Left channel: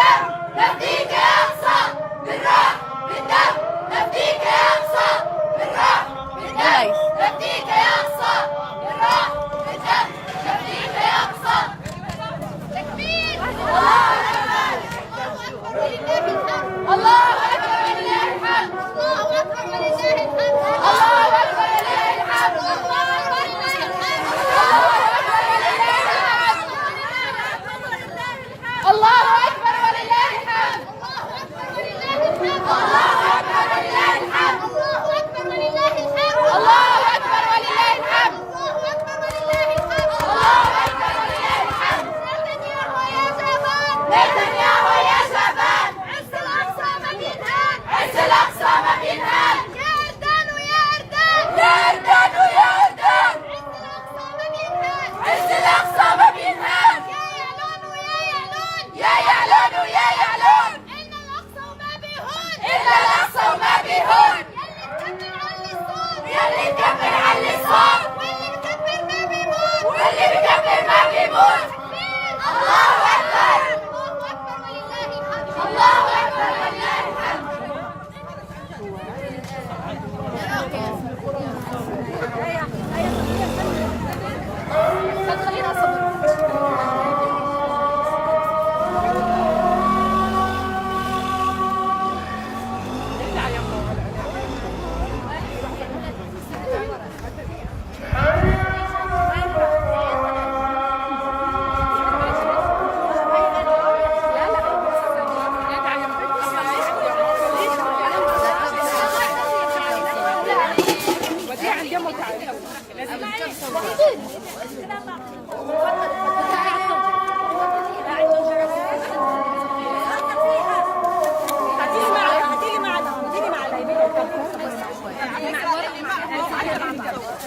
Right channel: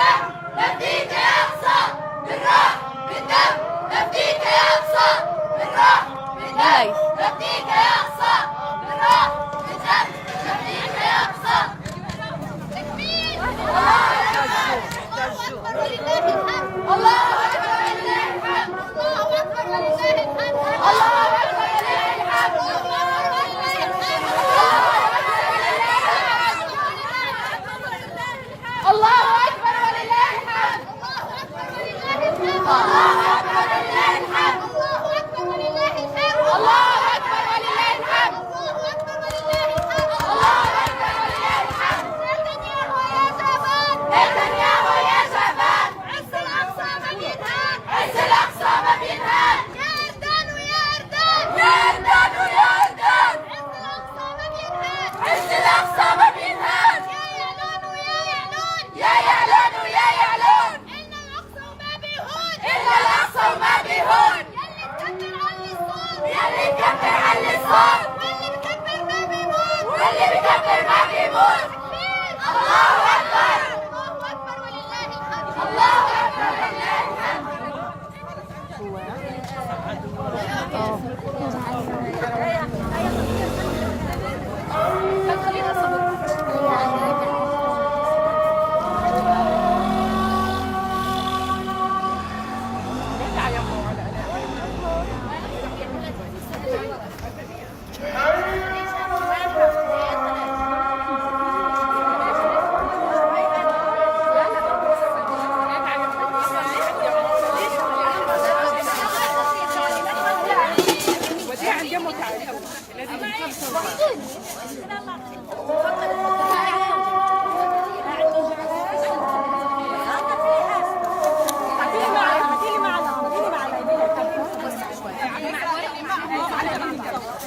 بالدم نفديك يا أقصى، بالروح بالدم نفديك يا أقصى، بالروح بالدم نفديك يا أقصى، بالروح بالدم نفديك يا أقصى. تكبير! الله أكبر! الله أكبر ولله الحمد! الله أكبر ولله الحمد! الله أكبر ولله الحمد! الله أكبر ولله الحمد! الله أكبر ولله الحمد! الله أكبر ولله الحمد! الله أكبر ولله الحمد! الله أكبر ولله الحمد! الله أكبر ولله الحمد! الله أكبر ولله الحمد! الله أكبر ولله الحمد! نتنياهو يا شباب! نتنياهو يا شباب! عز الأقصى ما بينهان! عز الأقصى ما بينهان! يا أردان ويا أردان! يا أردان ويا أردان! عز الأقصى ما بينهان! عز الأقصى ما بينهان! يا يعلون ويا يعلون! يا يعلون ويا يعلون! إلا الأقصى وما بيهون! إلا الأقصى وما بيهون! يلي مكبر علي الصوت! واللي مكبر ما بيموت! واللي مكبر ما بيموت! الله أكبر! الله أكبر ولله الحمد! الله أكبر ولله الحمد! Hãy subscribe cho kênh Ghiền Mì Gõ để không bỏ lỡ